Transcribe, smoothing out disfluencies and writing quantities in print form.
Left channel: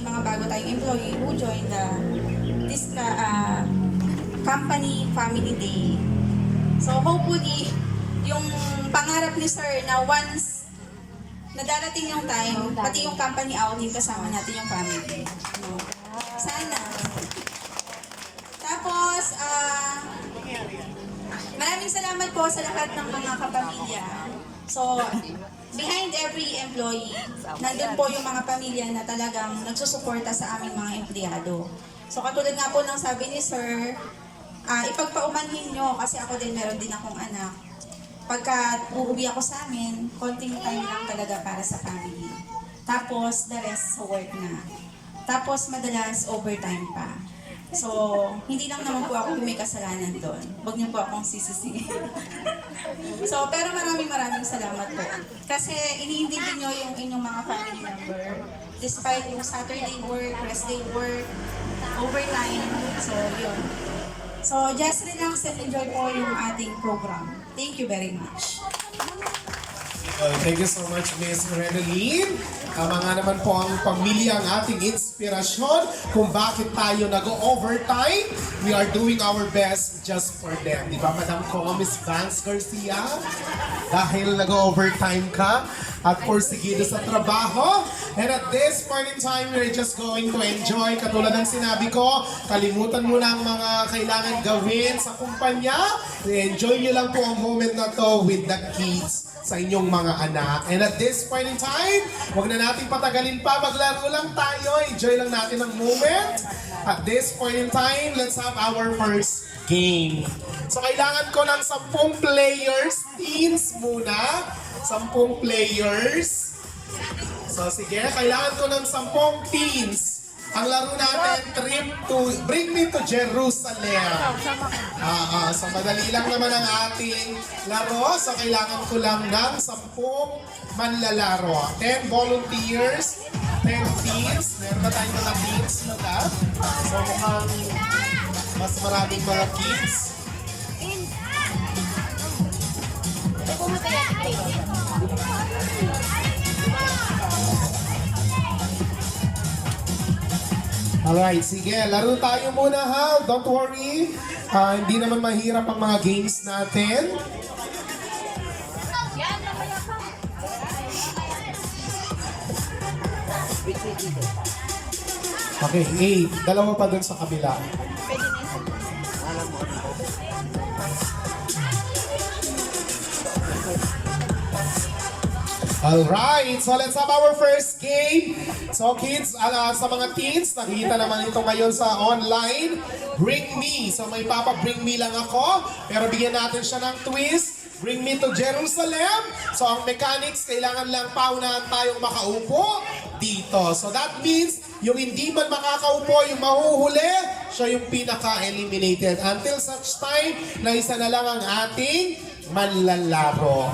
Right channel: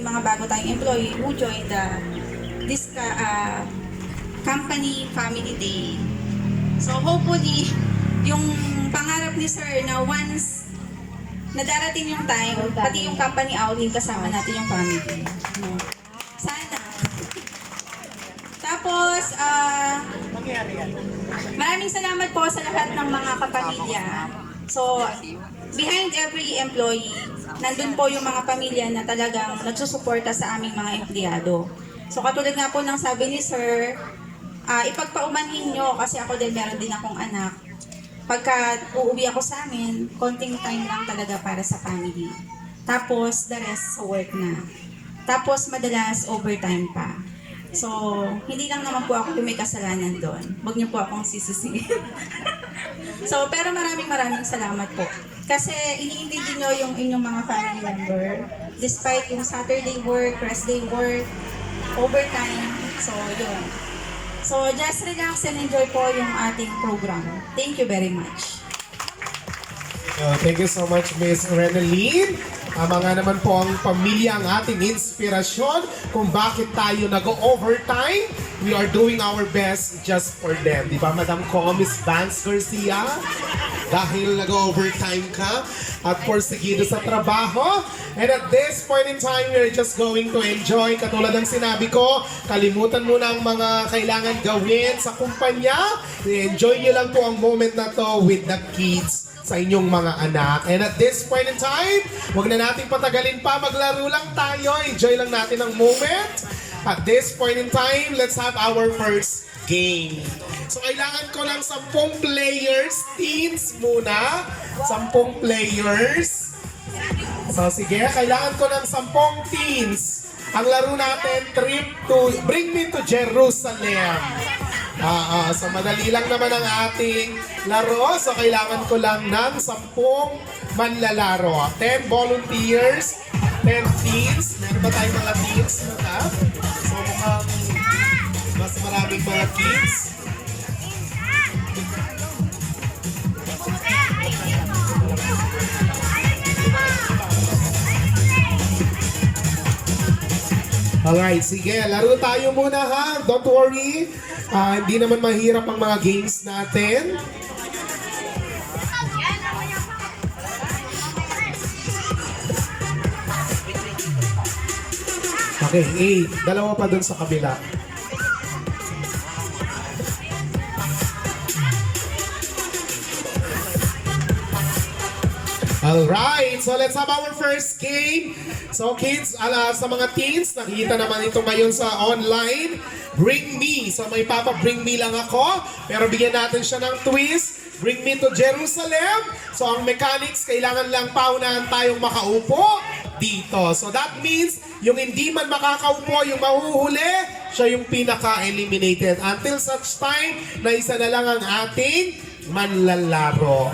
may mga bago tayong employee who joined this company family day. So hopefully, yung pangarap ni Sir na once na darating yung time, pati yung company outing, kasama natin yung family. No? Sana. Tapos, maraming salamat po sa lahat ng mga kapamilya. So, behind every employee, nandun po yung mga pamilya na talagang nagsusuporta sa aming mga empleyado. So, katulad nga po ng sabi ni Sir, ipagpaumanhin nyo kasi ako din, meron din akong anak. Pagka uuwi ako sa amin, konting time lang talaga para sa family. Tapos, the rest sa work na. Tapos, madalas overtime pa. So, hindi lang naman po ako yung may kasalanan doon. Huwag niyo po akong sisisihin. So, pero maraming salamat po. Kasi iniintindi niyo yung inyong mga family member. Despite yung Saturday work, rest day work, overtime. So, yun. So, just relax and enjoy po yung ating program. Thank you very much. Thank you so much, Miss Reneline. Tama nga naman po ang pamilya ang ating inspirasyon kung bakit tayo nag-overtime. We are doing our best just for them. Di ba, Madam Ko, Miss Vance Garcia? Dahil nag-overtime ka at porsigido sa trabaho. And at this point in time, we're just going to enjoy. Katulad ng sinabi ko, kalimutan mo na ang mga kailangan gawin sa kumpanya. I-enjoy nyo lang po ang moment na to with the kids sa inyong mga anak. And at this point in time, huwag na natin patagalin pa, maglaro lang tayo, enjoy lang natin ang moment. At this point in time, let's have our first game. So kailangan ko ng 10 players, teens muna. 10 players. So sige, kailangan ko ng 10 teens. Ang laro natin, Bring Me to Jerusalem. So madali lang naman ang ating laro. So kailangan ko lang ng 10 manlalaro. 10 volunteers, 10 teams. Meron ba tayong mga teams na lab? So mukhang mas maraming mga kids. Alright, sige. Laro tayo muna ha. Don't worry. Hindi naman mahirap ang mga games natin. Okay, 8. Dalawa pa dun sa kabila. Alright, so let's have our first game. So kids, sa mga teens, nakikita naman ito ngayon sa online. Bring Me. So may Bring Me lang ako. Pero bigyan natin siya ng twist. Bring Me to Jerusalem. So ang mechanics, kailangan lang paunahan tayong makaupo dito. So that means, yung hindi man makakaupo, yung mahuhuli, siya yung pinaka-eliminated. Until such time na isa na lang ang ating manlalaro.